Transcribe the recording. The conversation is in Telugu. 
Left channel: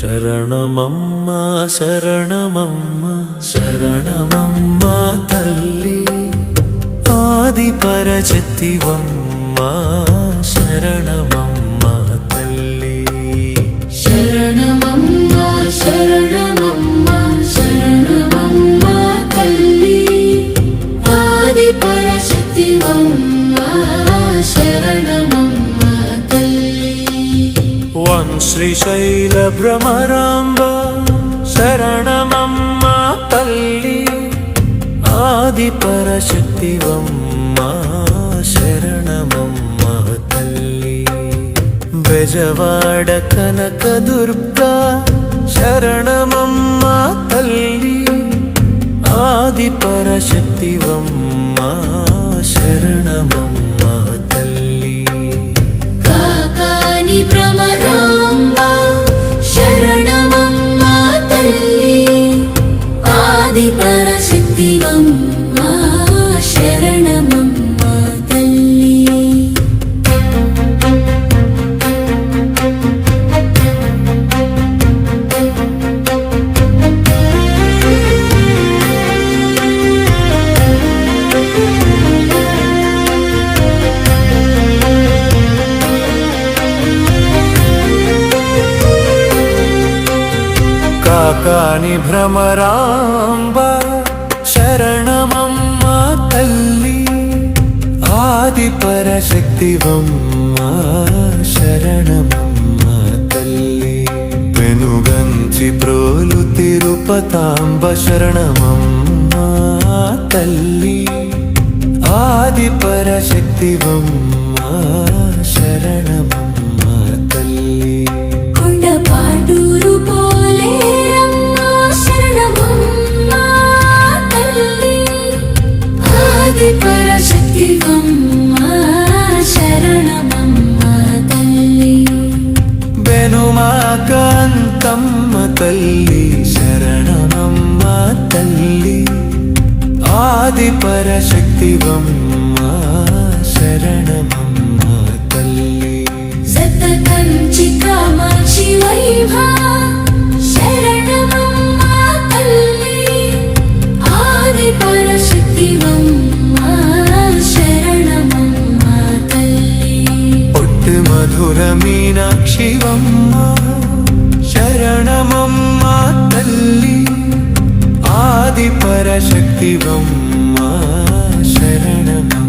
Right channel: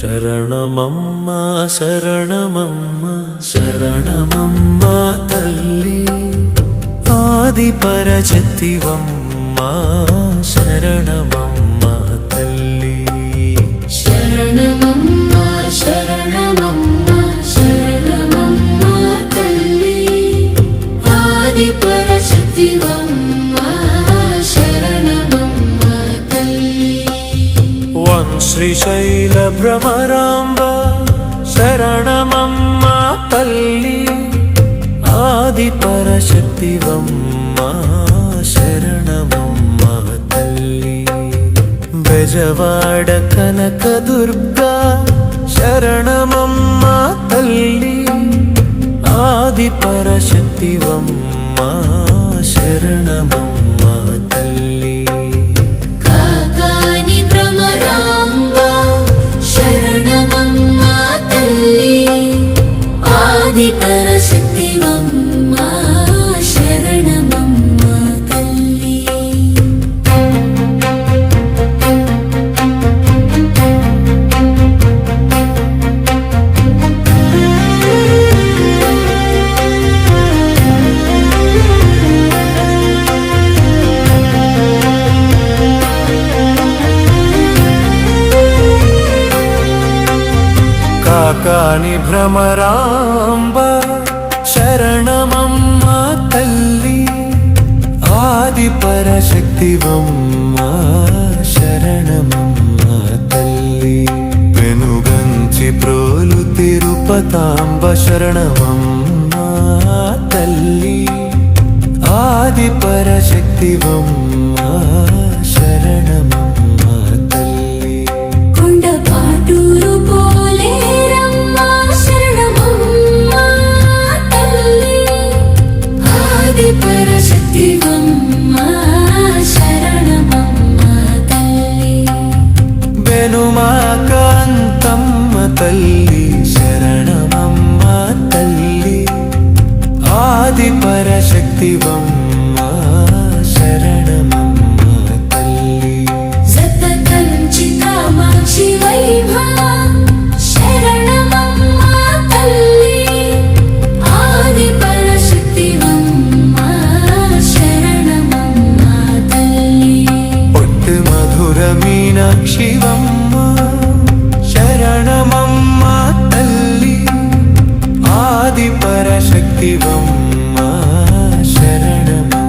శరణమమ్మ శరణమమ్మ శరణమమ్మ తల్లి ఆది పరశక్తివమ్మ శరణమమ్మ తల్లి శరణమమ్మ శరణమమ్మ శరణమమ్మ తల్లి ఆది పరశక్తివమ్మ శరణమమ్మ తల్లి వం శ్రీశైల భ్రమరాంబ శరణమమ్మ తల్లి ఆది పరశక్తివమ్మ శరణమమ్మ తల్లి బెజవాడ కనక దుర్గా శరణమమ్మ తల్లి ఆది పరశక్తివమ్మ శరణమమ్మ తల్లి కాకాని భ్రమరాంబ శరణమమ్మ తల్లి ఆది పరశక్తివమ్మ శరణమమ్మ తల్లి కాకాని భ్రమరాంబ శరణమమ్మ తల్లి ఆది పరశక్తివమ్మ శరణమమ్మ తల్లి పెనుగంచి ప్రోలు తిరుపతాంబ శరణమమ్మ తల్లి ఆది పరశక్తివమ్మ శరణమమ్మ తల్లి కొండపాటూరు పోలేరమ్మ శరణమమ్మ తల్లి ఆది పరశక్తివమ్మ శరణమమ్మ తల్లి బెనుమాకాంతమ్మ తల్లి శరణమమ్మ తల్లి ఆది పరశక్తివమ్మ శరణమమ్మ తల్లి జత కంచి కామాక్షి వైభా శరణమమ్మ తల్లి ఆది పరశక్తివమ్మ శరణమమ్మ తల్లి ఒట్టు మధుర మీనాక్షివమ్మ శరణమమ్మ తల్లి ఆది పరశక్తివమ్మ శరణమమ్మ